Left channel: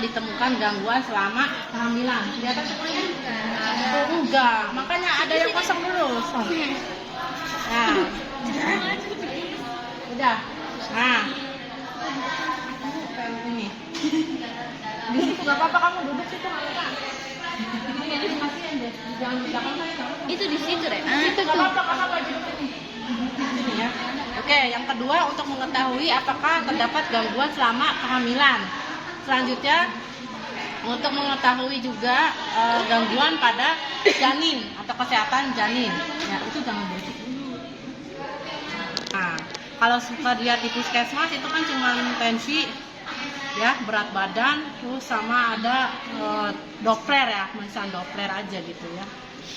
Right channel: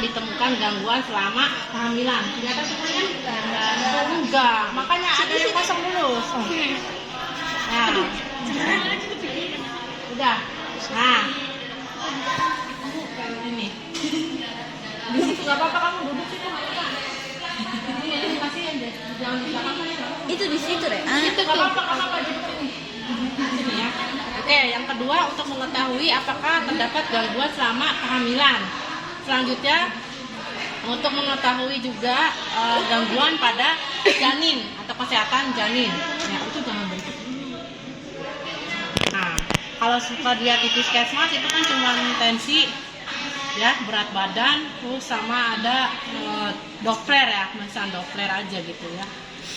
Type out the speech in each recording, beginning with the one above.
ditemukan gangguan selama kehamilan. Di atas kan? Enggak, makanya ada yang kosong dulu. Nah, udah. Nah, ini. Di situ nggak apa-apa, kamu duduk situ nggak apa-apa. Ini kasihan deh, jangan di belakang saya. Itu di situ deh. Itu nggak apa-apa, duduk sini. Sini ya. Oke, yang kedua untuk mengetahui apakah terdapat gangguan selama kehamilan. Selanjutnya untuk mengetahui juga gangguan pada janin atau kesehatan janin. Ya, itu jangan berikut. Nah, kalau suka lihat di puskesmas itu kan cuma tensi, ya, berat badan, terus sama ada Doppler ya, pemeriksaan Doppler aja gitu ya.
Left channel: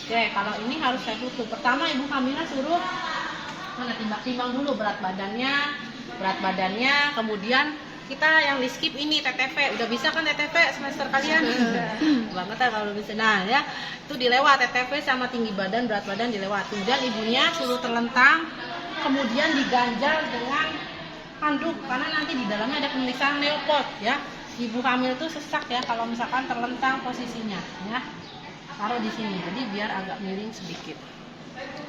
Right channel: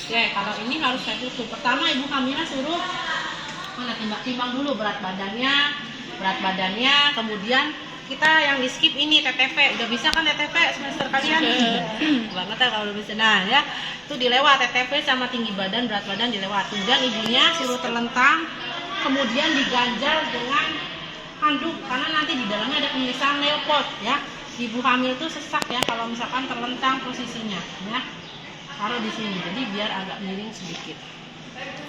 Oke, kalau ini harus saya tutup. Pertama ibu hamilnya suruh timbang dulu berat badannya, kemudian kita yang di skip ini TTV. Udah bisa kan TTV semester kalian? Banget ya kalau bisa. Nah ya, itu dilewat TTV sama tinggi badan, berat badan dilewat. Kemudian ibunya suruh terlentang, kemudian diganjal dengan handuk karena nanti di dalamnya ada pemeriksaan Neopot ya. Ibu hamil itu sesak ya kalau misalkan terlentang posisinya ya. Taruh di sini, jadi biar agak miring sedikit.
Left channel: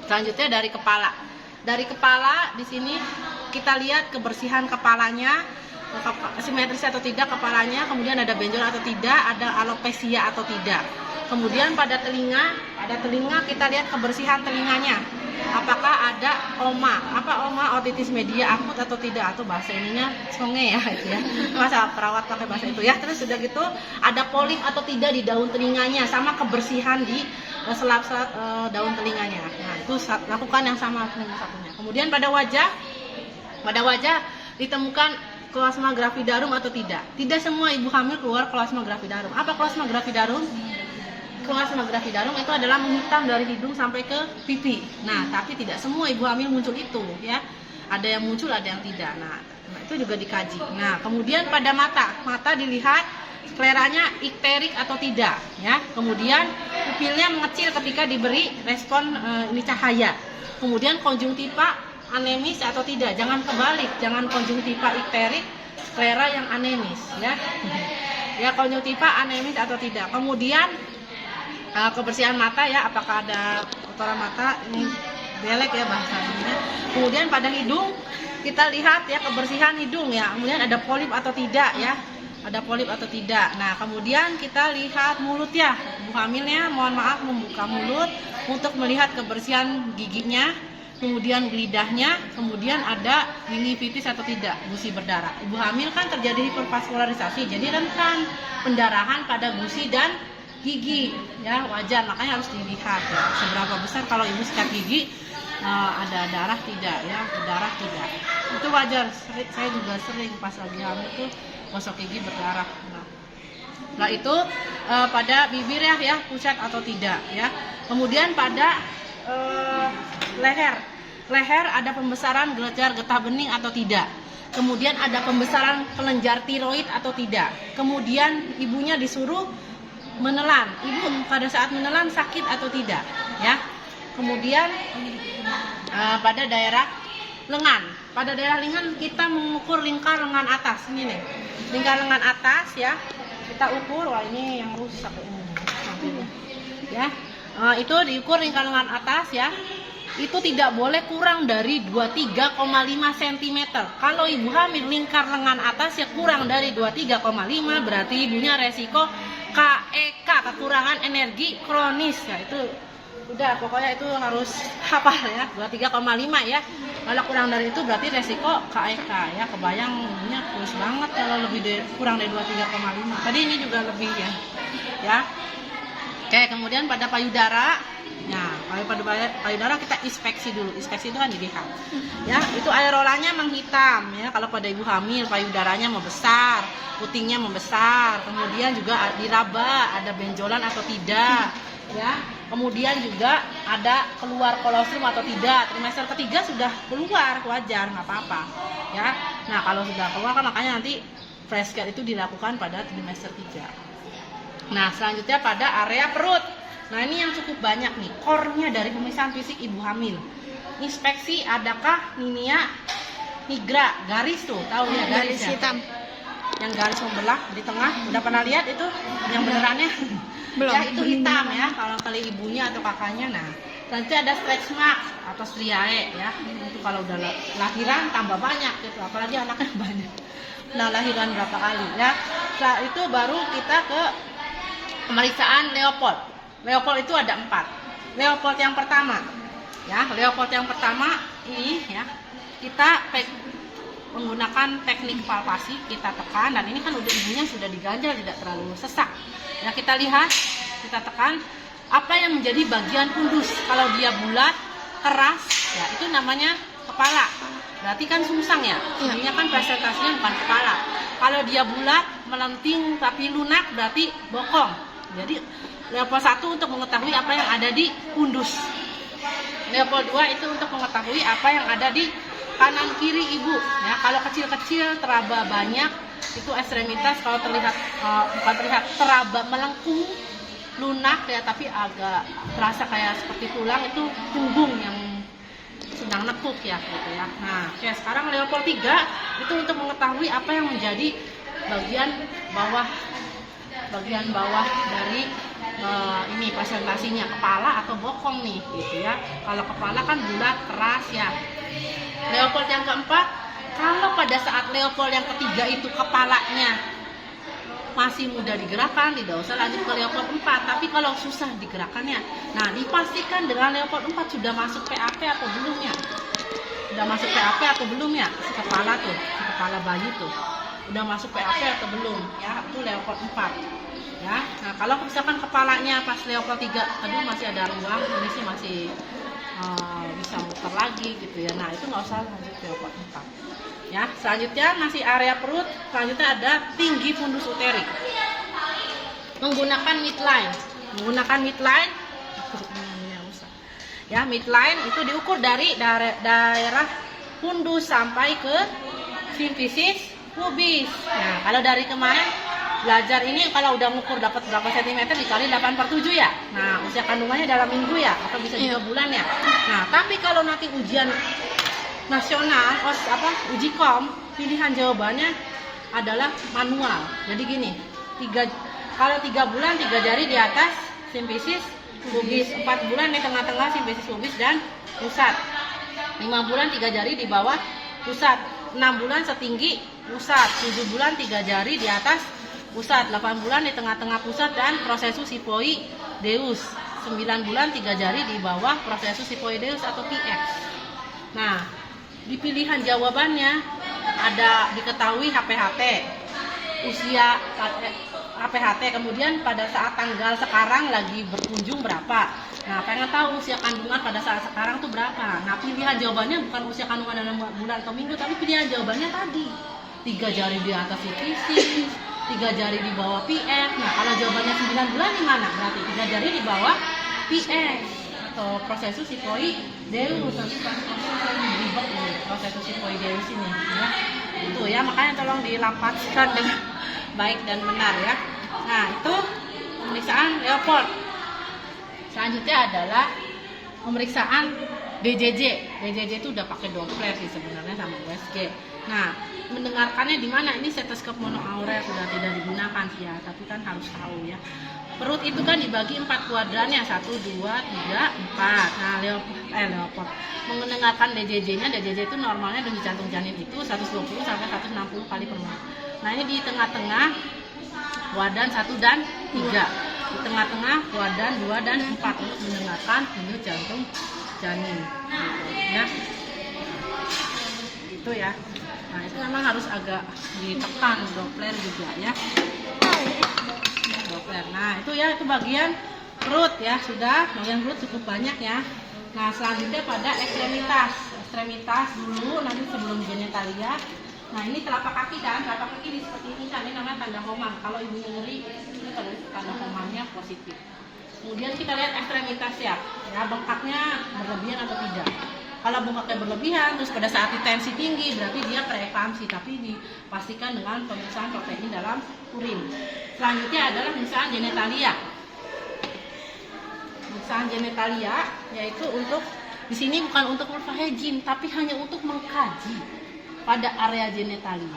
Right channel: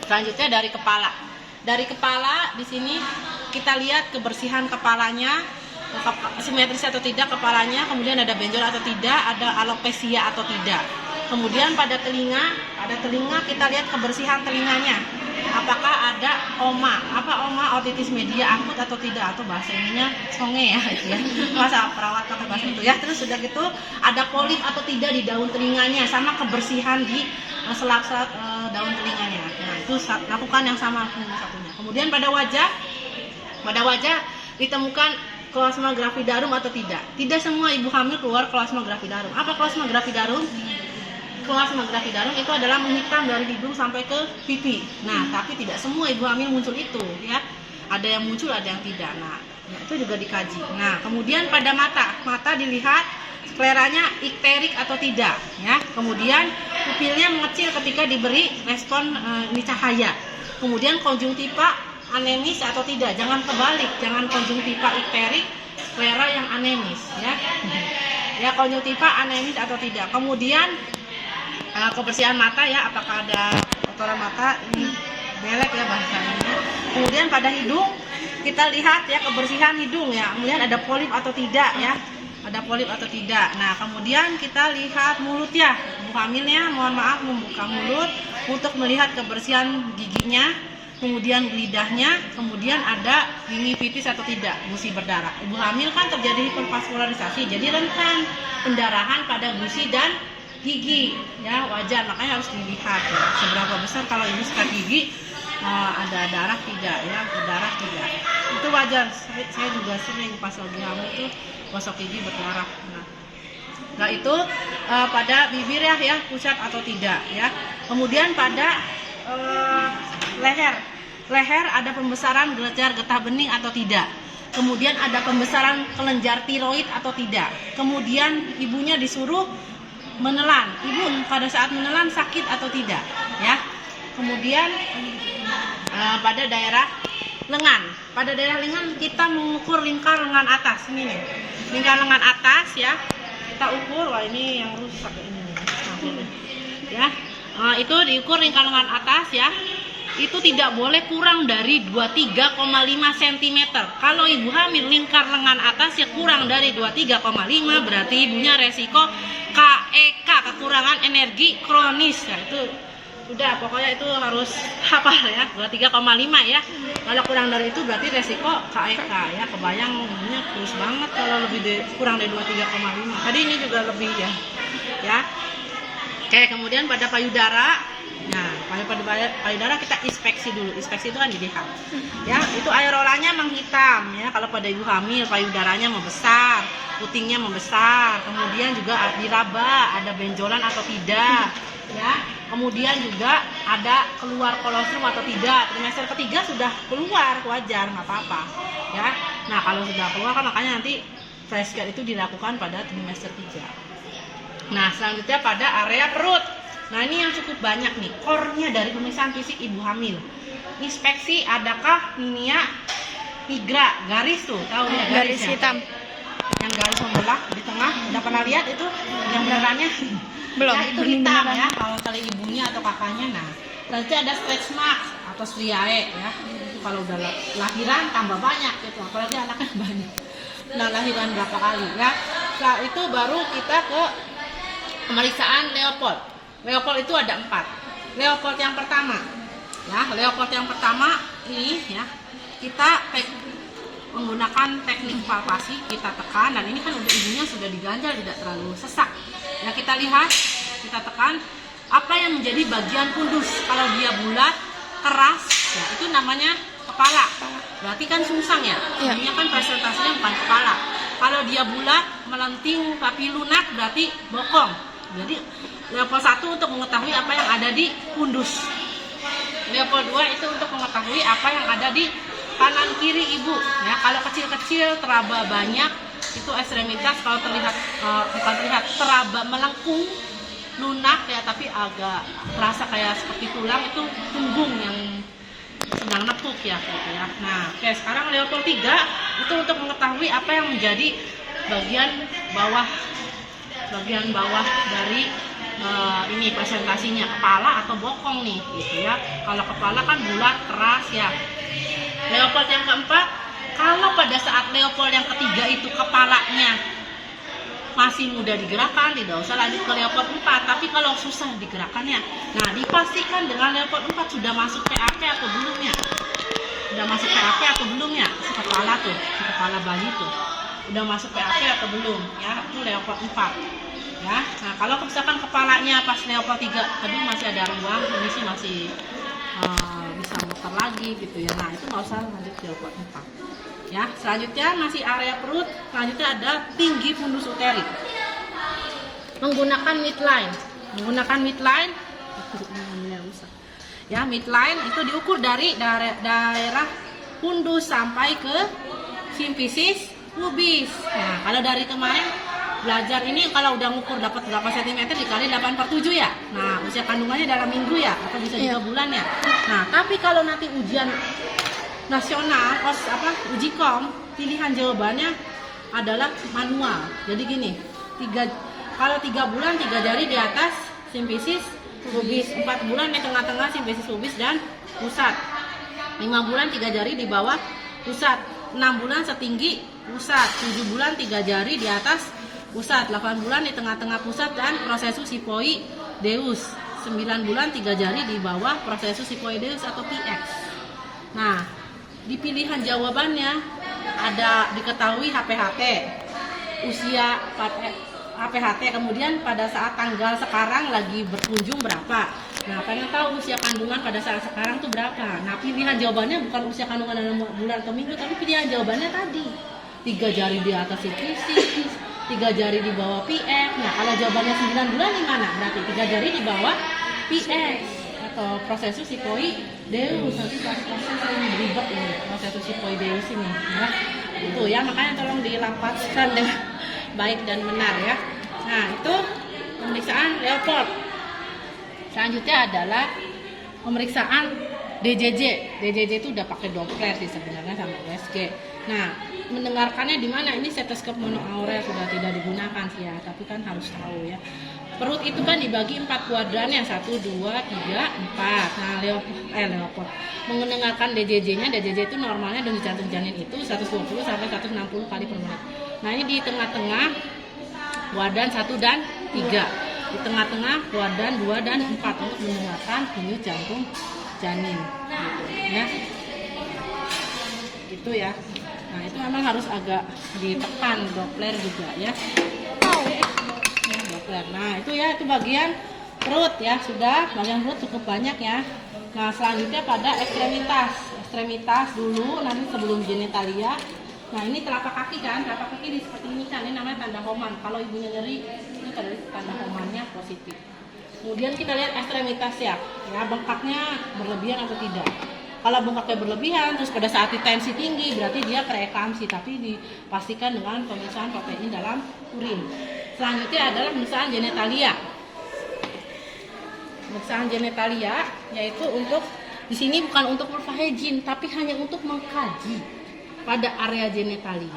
Selanjutnya dari kepala. Dari kepala di sini kita lihat kebersihan kepalanya, simetris atau tidak kepalanya, kemudian ada benjol atau tidak, ada alopecia atau tidak. Kemudian pada telinga kita lihat kebersihan telinganya. Apakah ada oma? Apa oma otitis media akut atau tidak? Atau bahasa ininya songe ya, gitu ya. Bahasa perawat pakai bahasa itu ya. Terus sudah gitu ada polip atau tidak di daun telinganya, sama kebersihan di selap-selap daun telinganya. Nah, itu lakukan yang sama dengan satunya. Kemudian pada wajah ditemukan plasma gravidarum atau tidak. Tidak semua ibu hamil keluar plasma gravidarum. Apa plasma gravidarum? Plasma gravidarum itu adalah menghitam dari hidung sampai ke pipi. Nah, tapi tidak semua ibu hamil muncul itu ya. Ada yang muncul, ada yang tidak. Nah, itu juga dikaji. Nah, kemudian pada mata dilihat skleranya ikterik atau tidak ya. Kemudian pupilnya mengecil ketika diberi respon ini cahaya. Kemudian konjungtiva anemis atau tidak. Jangan kebalik, jangan konjungtiva ikterik, sklera yang anemis ya. Ya, konjungtiva anemis atau tidak. Kemudian kebersihan mata ya, apakah ada kotoran mata, ini belek ya bahasanya. Kemudian pada hidung kita lihat ya kebersihan hidung ya. Kemudian ada polip atau tidak ya. Ada polip atau tidak. Nah, kemudian kita lihat mulut ya. Ibu hamilnya mohon maaf membuka mulut untuk melihat kebersihan giginya, kemudian lidahnya, kemudian ada gingivitis atau tidak, gusi berdarah. Ibu hamil kan terjadi hipervaskularisasi, jadi rentan pendarahan pada gusi dan gigi ya, wajar, makanya harus dilihat ya seberapa besar. Kalau ini sikat gigi ada darah tidak ya, berdarah tidak, itu wajar. Saya juga sering pas lagi hamil tuh gosok gigi berdarah. Nah itu pada bibir ya pucat atau tidak ya. Kemudian pada leher ada pembesaran kelenjar getah bening atau tidak. Kemudian ada pembesaran kelenjar tiroid atau tidak. Kemudian ibunya disuruh menelan. Ibu pada saat menelan sakit atau tidak ya. Kemudian pada daerah lengan kita mengukur lingkar lengan atas. Ini nih, lingkar lengan atas ya, kita ukur. Wah, ini yang rusak ini nih ya. Itu diukur lingkar lengan atas ya. Itu tidak boleh kurang dari 23,5 cm. Kalau ibu hamil lingkar lengan atas ya kurang dari 23,5, berarti ibunya resiko KEK, kekurangan energi kronis. Nah itu udah, pokoknya itu harus hafal ya, 23,5 ya. Kalau kurang dari itu berarti resiko KEK ya. Kebayang ibunya kurus banget kalau kurang dari 23,5. Tadi ini juga lebih ya. Oke, kemudian pada payudara. Nah, pada payudara kita inspeksi dulu. Inspeksi itu kan dilihat ya, itu aerolanya menghitam ya. Kalau pada ibu hamil payudaranya membesar, putingnya membesar, kemudian juga diraba, ada benjolan atau tidak ya. Kemudian juga ada keluar kolostrum atau tidak. Trimester ketiga sudah keluar, wajar, nggak apa-apa ya. Nah, kalau sudah keluar kan makanya nanti fresh care itu dilakukan pada trimester 3. Nah, selanjutnya pada area perut. Nah, ini yang cukup banyak nih, core-nya dari pemeriksaan fisik ibu hamil. Inspeksi adakah Ninia nigra, garis tuh, tahu ya, garis hitam. yang garis membelah di tengah. Udah pernah lihat itu yang benerannya? Belum. Ya, itu hitam ya kalau kali ibunya atau kakaknya. Nah, nanti ada stretch mark atau striae ya. Itu kalau udah lahiran tambah banyak gitu, apalagi anaknya banyak. Nah, lahiran berapa kali ya. Setelah itu baru kita ke pemeriksaan Leopold. Leopold itu ada 4. Leopold yang pertama ya, Leopold yang pertama ini ya, kita menggunakan teknik palpasi, kita tekan, dan ini kan udah ibunya sudah diganjal, tidak terlalu sesak ya. Kita lihat, kita tekan apa yang menjadi bagian pundus. Kalau dia bulat keras ya, itu namanya kepala, berarti kan sungsang ya. Ini kan presentasinya bukan kepala. Kalau dia bulat melenting tapi lunak berarti bokong. Jadi Leopold 1 untuk mengetahui apa yang ada di pundus. Leopold 2 itu untuk mengetahui apa yang ada di kanan kiri ibu ya. Kalau kecil-kecil teraba banyak itu ekstremitas, kalau terlihat bukan terlihat, teraba melengkung lunak ya, tapi agak terasa kayak seperti tulang, itu punggung yang sedang nekuk ya gitu ya. Nah, oke, sekarang Leopold 3 itu untuk mengetahui apa yang menjadi bagian bawah dari ini presentasinya, kepala atau bokong nih gitu ya. Kalau kepala kan bulat keras ya. Leopold yang keempat, kalau pada saat Leopold yang ketiga itu kepalanya masih mudah digerakkan, tidak usah lanjut ke Leopold 4. Tapi kalau susah digerakkannya, nah dipastikan dengan Leopold 4 sudah masuk PAP atau belum ya. Sudah masuk PAP atau belum ya, si kepala tuh, si kepala bayi tuh udah masuk PAP atau belum ya, itu Leopold 4 ya. Nah, kalau misalkan kepalanya pas Leopold 3 tadi masih ada ruang, ini sih masih bisa muter lagi gitu ya. Nah, itu nggak usah lanjut ke Leopold 4 ya. Selanjutnya masih area perut. Selanjutnya ada tinggi fundus uterik menggunakan midline. Ya, midline itu diukur dari daerah fundus sampai ke simfisis pubis. Nah, kalau dari kemarin belajar ini, kalau udah ngukur dapat berapa sentimeter dikali 8/7 ya. Nah, usia kandungannya dalam minggu ya, atau bisa 2 bulan ya. Nah, tapi kalau nanti ujian nasional, uji kom, pilihan jawabannya adalah manual. Jadi gini, kalau 3 bulan 3 jari di atas simfisis pubis, 4 bulan di tengah-tengah simfisis pubis dan pusat, 5 bulan 3 jari di bawah pusat, 6 bulan setinggi pusat, 7 bulan 3 jari di atas pusat, 8 bulan di tengah-tengah pusat dan prosesus hipoideus, 9 bulan 3 jari di bawah prosesus hipoideus atau PX. Nah, di pilihan jawabannya ada diketahui HPHT, usia HPHT, kemudian pada saat tanggal sekarang lagi berkunjung berapa. Nah, pengen tahu usia kandungan pada saat sekarang tuh berapa. Nah, pilihan jawabannya bukan usia kandungan dalam bulan atau minggu, tapi pilihan jawabannya tadi 3 jari di atas simfisis, 3 jari di bawah PX. Nah, kalau jawabannya 9 bulan di mana? Berarti 3 jari di bawah PX atau prosesus hipoideus. Nanti proses ini ribet ini, prosesus hipoideus ini ya. Itu ya, makanya tolong dirapatkan dengan baik dan benar ya. Nah, itu pemeriksaan Leopold. Selanjutnya adalah pemeriksaan DJJ. DJJ itu udah pakai Doppler sih sebenarnya sama USG. Nah, mendengarkannya di mana? Ini stetoskop monoaurel sudah tidak digunakan sih ya, tapi kan harus tahu ya. Perut itu kan dibagi 4 kuadran ya, 1, 2, 3, 4. Nah, Leopold mendengarkan DJJ-nya. DJJ itu normalnya denyut jantung janin itu 120 sampai 160 kali per menit. Nah, ini di tengah-tengah kuadran 1 dan 3. Di tengah-tengah kuadran 2 dan 4 untuk mendengarkan denyut jantung janin gitu ya. Itu ya. Nah, itu memang harus agak ditekan Doppler juga ya. Doppler. Nah, itu ya, itu bagian perut ya, sudah bagian perut cukup banyak ya. Nah, selanjutnya pada ekstremitas dulu, nanti sebelum genitalia. Nah, ini telapak kaki kan, telapak kaki seperti ini kan, ini namanya tanda Homan. Kalau ibunya nyeri, ini tanda Homannya positif. Kemudian kita lihat ekstremitas ya, bengkaknya berlebihan atau tidak. Kalau bengkaknya berlebihan, terus pada saat tensi tinggi, berarti dia preeklamsi, tapi dipastikan dengan pemeriksaan protein dalam urin. Selanjutnya adalah pemeriksaan genitalia. Pemeriksaan genitalia yaitu untuk, di sini bukan untuk morphagene, tapi hanya untuk mengkaji pada area genitalia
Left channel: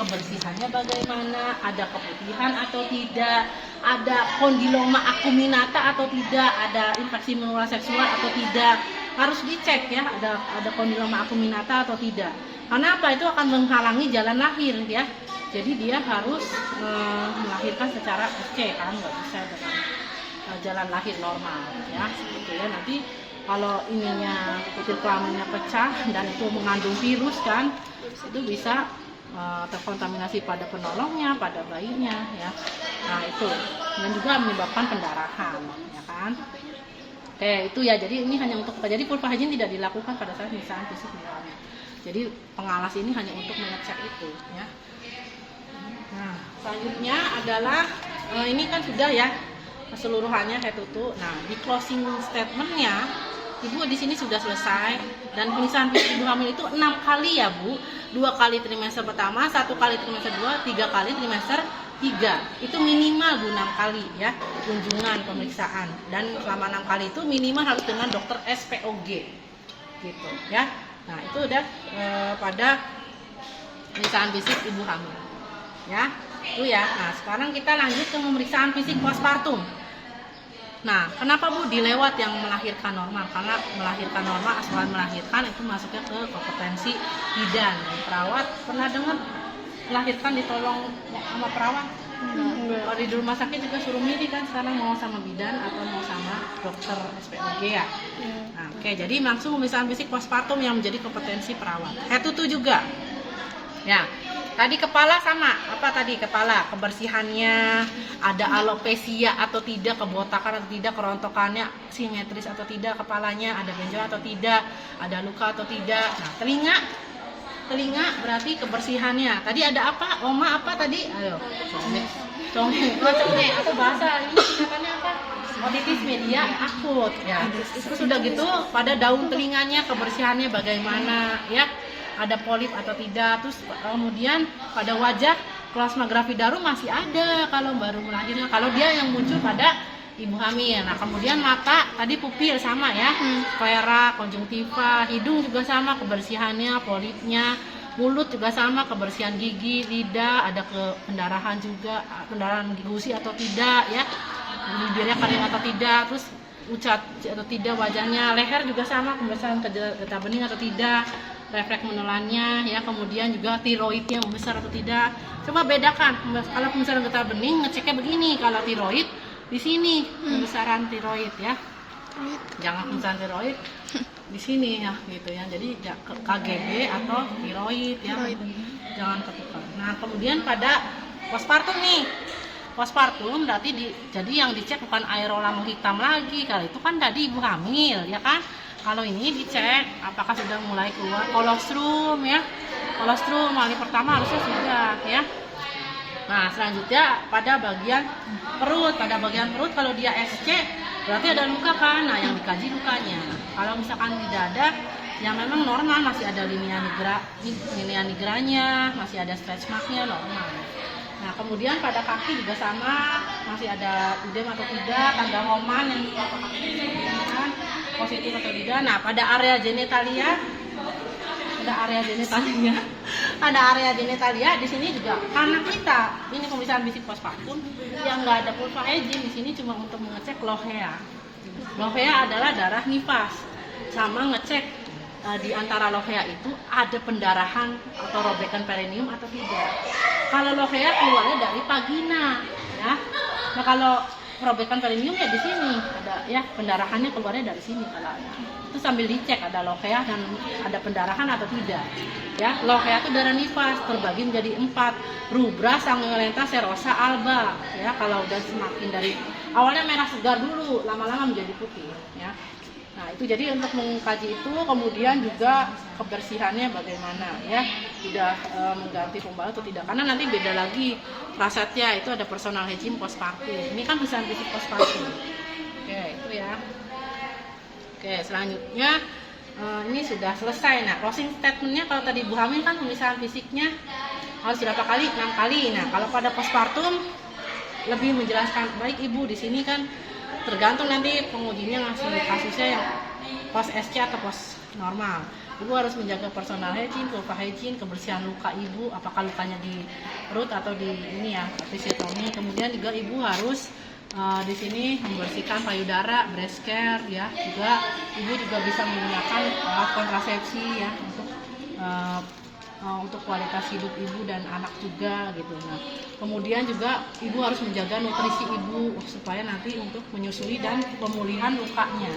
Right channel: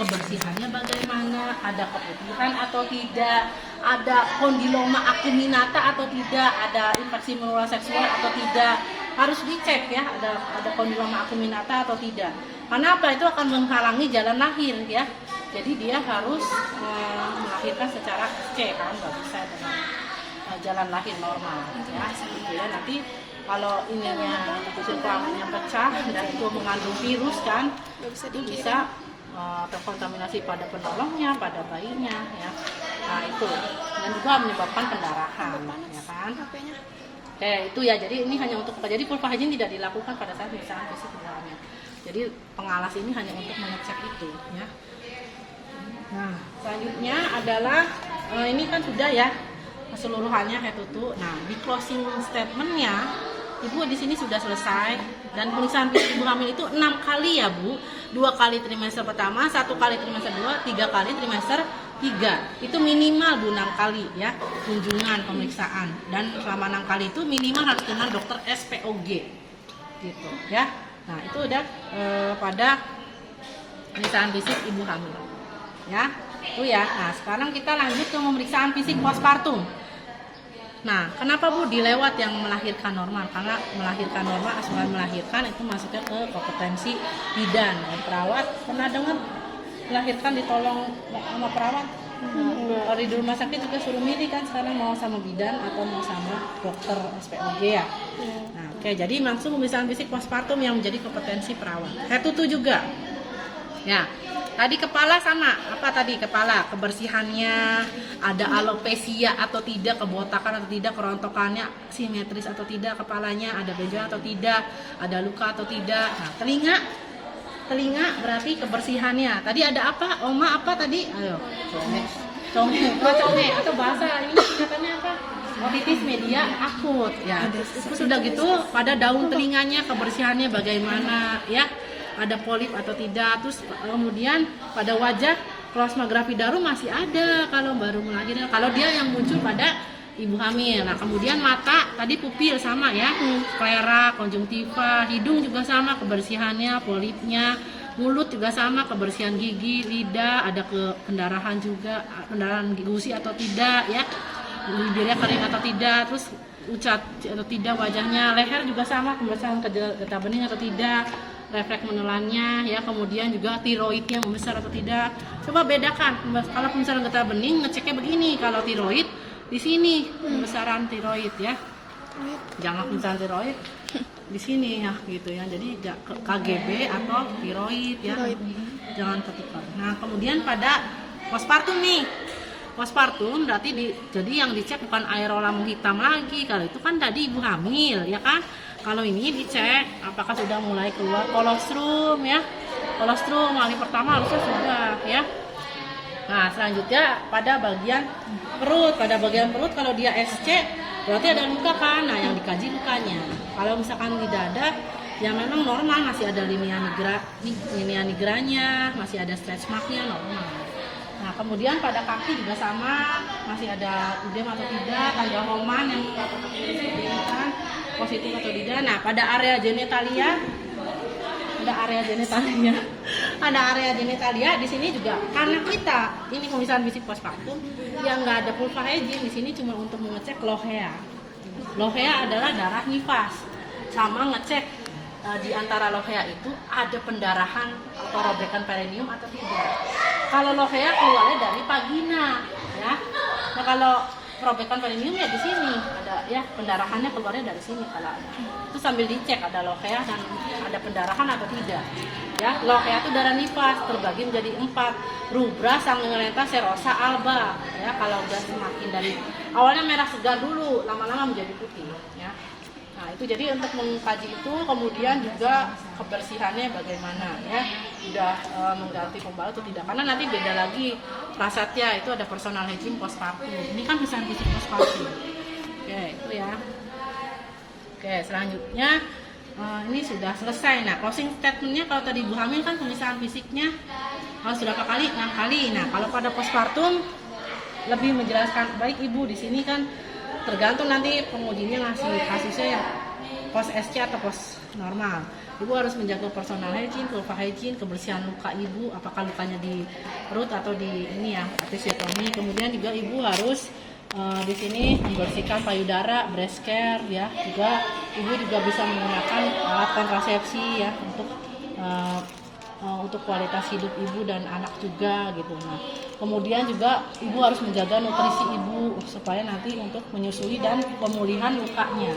kebersihannya bagaimana, ada keputihan atau tidak, ada kondiloma acuminata atau tidak, ada infeksi menular seksual atau tidak, harus dicek ya, ada kondiloma acuminata atau tidak. Karena apa? Itu akan menghalangi jalan lahir ya. Jadi dia harus melahirkan secara SC kan, nggak bisa dengan jalan lahir normal ya. Seperti ya, nanti kalau ininya pusat kelaminnya pecah dan itu mengandung virus kan, itu bisa terkontaminasi pada penolongnya, pada bayinya ya. Nah itu, dan juga menyebabkan pendarahan ya kan. Oke itu ya, jadi ini hanya untuk, jadi vulva hygiene tidak dilakukan pada saat pemeriksaan fisik ibu hamil. Jadi pengawas ini hanya untuk mengecek itu ya. Nah selanjutnya adalah ini kan sudah ya keseluruhannya kayak tutup. Nah di closing statementnya ibu di sini sudah selesai, dan pemeriksaan fisik ibu hamil itu 6 kali ya bu, 2 kali trimester pertama, 1 kali trimester 2, 3 kali trimester 3. Itu minimal bu 6 kali ya kunjungan pemeriksaan, dan selama 6 kali itu minimal harus dengan dokter SPOG gitu ya. Nah itu udah pada pemeriksaan fisik ibu hamil ya. Itu ya. Nah sekarang kita lanjut ke pemeriksaan fisik postpartum. Nah, kenapa bu dilewat yang melahirkan normal? Karena melahirkan normal, asuhan melahirkan itu masuknya ke kompetensi bidan. Dan perawat pernah dengar melahirkan ditolong sama perawat? Kalau di rumah sakit juga suruh milih kan, sekarang mau sama bidan atau mau sama dokter SPOG ya. Nah, oke, jadi langsung pemeriksaan fisik postpartum yang menjadi kompetensi perawat. Head to toe juga. Ya, tadi kepala sama, apa tadi kepala, kebersihannya, ada alopecia atau tidak, kebotakan atau tidak, kerontokannya simetris atau tidak, kepalanya ada benjolan atau tidak, ada luka atau tidak. Nah, telinga berarti kebersihannya. Tadi ada apa? Oma apa tadi? Ayo, conge atau bahasa ini sebutannya apa? Otitis media akut ya. Terus sudah gitu pada daun telinganya kebersihannya bagaimana ya? Ada polip atau tidak. Terus kemudian pada wajah plasmagrafi daru masih ada kalau baru melahirkan, kalau dia yang muncul pada ibu hamil. Nah kemudian mata tadi pupil sama ya, sklera, konjungtiva, hidung juga sama kebersihannya, polipnya, mulut juga sama kebersihan gigi, lidah, ada pendarahan juga, pendarahan gusi atau tidak ya, bibirnya kering atau tidak, terus ucat atau tidak wajahnya, leher juga sama kebersihan getah bening atau tidak, refleks menelannya ya, kemudian juga tiroid yang besar atau tidak. Coba bedakan, kalau misalnya getah bening ngeceknya begini, kalau tiroid di sini pembesaran tiroid ya, jangan pembesaran tiroid di sini ya gitu ya, jadi KGB atau tiroid ya, jangan ketukar. Nah kemudian pada postpartum nih, postpartum berarti jadi yang dicek bukan aerol lambung hitam lagi, kalau itu kan tadi ibu hamil ya kan. Kalau ini dicek apakah sudah mulai keluar kolostrum ya, kolostrum hari pertama harusnya sudah ya. Nah selanjutnya pada bagian perut, kalau dia SC berarti ada luka kan, nah yang dikaji lukanya. Kalau misalkan tidak ada, yang memang normal, masih ada linea nigranya, masih ada stretch marknya normal. Nah kemudian pada kaki juga sama, masih ada udem atau tidak, tanda Homan yang kan positif atau tidak. Nah pada area genitalia, ada area genitalia di sini juga, karena kita ini pemeriksaan fisik postpartum yang nggak ada vulva hygiene di sini cuma untuk mengecek lovea. Lovea adalah darah nifas, sama ngecek di antara lovea itu ada pendarahan atau robekan perineum atau tidak. Kalau lovea keluarnya dari vagina ya. Nah kalau robekan perineum ya di sini ada ya, pendarahannya keluarnya dari sini kalau ada. Itu sambil dicek ada lovea dan ada pendarahan atau tidak. Ya, lovea itu darah nifas terbagi menjadi 4, rubra, sanguinolenta, serosa, alba. Ya, kalau udah semakin dari awalnya merah segar dulu, lama-lama menjadi putih. Ya. Nah itu jadi untuk mengkaji itu, kemudian juga kebersihannya bagaimana ya, sudah mengganti pembalut atau tidak, karena nanti beda lagi prasetya, itu ada personal hygiene postpartum, ini kan pemeriksaan fisik postpartum. Oke itu ya. Oke selanjutnya ini sudah selesai. Nah closing statementnya, kalau tadi ibu hamil kan pemeriksaan fisiknya harus berapa kali? 6 kali. Nah kalau pada postpartum lebih menjelaskan, baik ibu di sini kan tergantung nanti pengujinya ngasih kasusnya yang post SC atau post normal. Ibu harus menjaga personal hygiene, luka hygiene, kebersihan luka ibu, apakah lukanya di perut atau di ini ya, episiotomi. Kemudian juga ibu harus di sini membersihkan payudara, breast care ya. Juga ibu juga bisa menggunakan alat kontrasepsi ya untuk kualitas hidup ibu dan anak juga gitu. Nah, kemudian juga ibu harus menjaga nutrisi ibu supaya nanti untuk menyusui dan pemulihan lukanya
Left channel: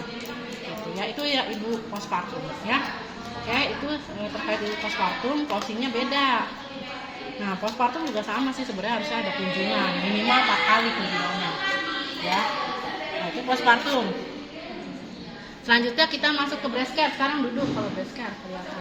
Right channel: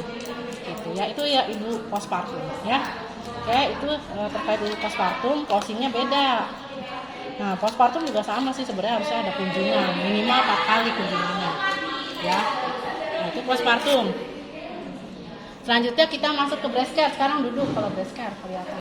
gitu ya. Itu ya ibu postpartum ya. Oke, itu terkait ibu postpartum, closingnya beda. Nah, postpartum juga sama sih, sebenarnya harusnya ada kunjungan minimal 4 kali kunjungannya ya. Nah, itu postpartum. Selanjutnya kita masuk ke breast care. Sekarang duduk kalau breast care kelihatan.